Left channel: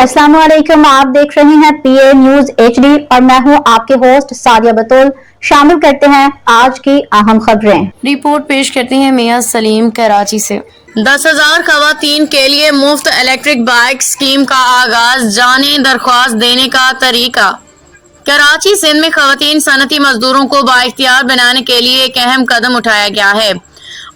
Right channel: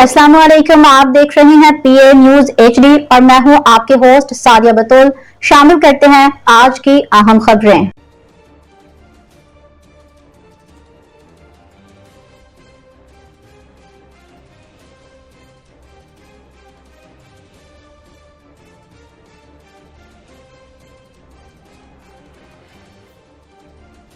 अस्सलाम वालेकुम, आप देख रहे हैं पीए न्यूज एचडी और मैं हूं आपके होस्ट सादिया बतूल। शामिल करते हैं आज की अहम खबरें। रिपोर्ट पेश करते हैं मियां सलीम कराची से। 10,000 खवातीन के लिए मुफ्त इलेक्ट्रिक बाइक स्कीम का आगाज, जाने दरख्वास्त देने का तरीका। कराची सिंध में खवातीन सनती मजदूरों को बाइख्तियार बनाने के लिए एक अहम कदम उठाया गया है।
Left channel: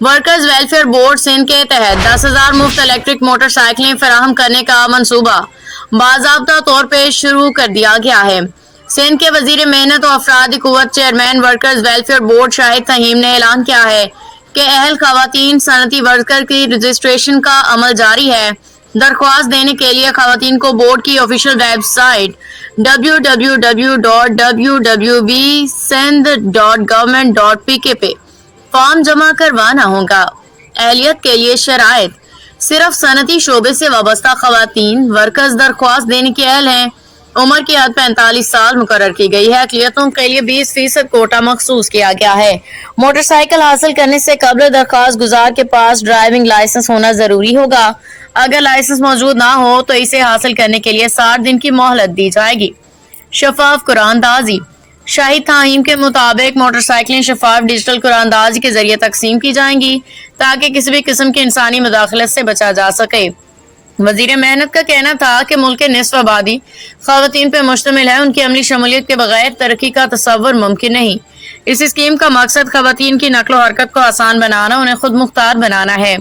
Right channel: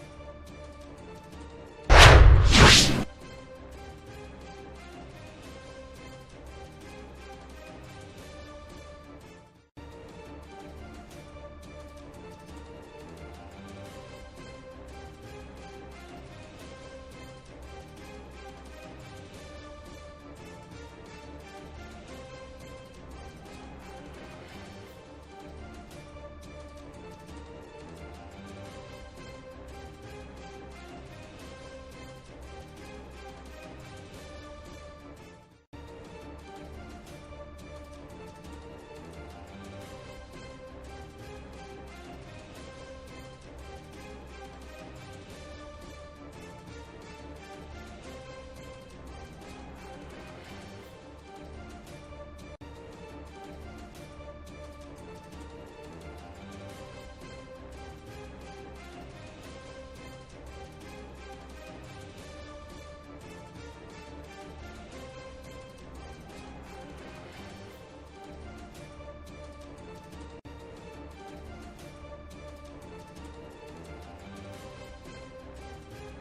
वर्कर्स वेलफेयर बोर्ड सिंध के तहत 10,000 मुफ्त इलेक्ट्रिक मोटरसाइकिलें फराहम करने का मंसूबा बाज़ाब्ता तौर पर शुरू कर दिया गया है। सिंध के वजीर मेहनत और अफरादी कुव्वत chairman workers welfare board Shahid Taheem ने ऐलान किया है कि अहल खवातीन सनती वर्कर की रजिस्ट्रेशन का अमल जारी है। दरख्वास्त देने के लिए खवातीन को बोर्ड की ऑफिशियल वेबसाइट www.www.sindh.government.pk पे फॉर्म जमा करवाना होगा। अहलियत के लिए शराइत: सिर्फ सनती शोबे से वाबस्ता खवातीन वर्कर्स दरख्वास्त देने के अहल हैं। उम्र की हद 45 साल मुकर्रर की गई है। अक़लियतों के लिए 20% कोटा मखसूस किया गया है। मोटरसाइकिल हासिल करने से कबल दरख्वास्त गुजार के पास ड्राइविंग लाइसेंस होना जरूरी होगा। अगर लाइसेंस मौजूद ना हो तो इसे हासिल करने के लिए 60 दिन की मोहलत दी जाएगी। शफाफ कुरानदाजी: शाहिद ताहीम के मुताबिक मोटरसाइकिलें शफाफ डिजिटल कुरानदाजी के जरिए तकसीम की जाएंगी ताकि किसी भी किस्म की इंसानी मुदाखलत से बचा जा सके। वजीर मेहनत का कहना था कि मुल्क के निस्फ आबादी खवातीन पर मुश्तमिल है। उनकी अमली शमूलियत के बगैर तरक्की का तसव्वुर मुमकिन नहीं। इस स्कीम का मकसद खवातीन की नकलो हरकत को आसान बनाना, उन्हें खुद मुख्तार बनाना है।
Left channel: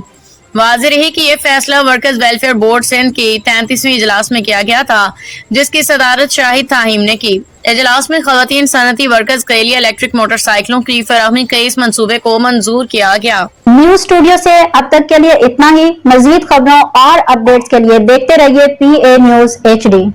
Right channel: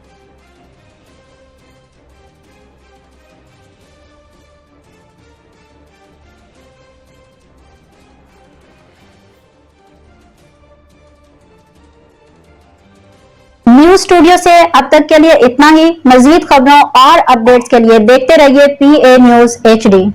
वाज़ेह रही कि यह फैसला वर्कर्स वेलफेयर बोर्ड सिंध की 33वीं इजलास में किया गया था, जिसकी सदारत शाहिद ताहीम ने की। इजलास में खवातीन सनती वर्कर्स के लिए इलेक्ट्रिक मोटरसाइकिलों की फराहमी के इस मंसूबे को मंजूर किया गया। न्यूज स्टूडियो से अब तक के लिए इतना ही। मजीद खबरों और अपडेट्स के लिए देखते रहिए पीए न्यूज एचडी।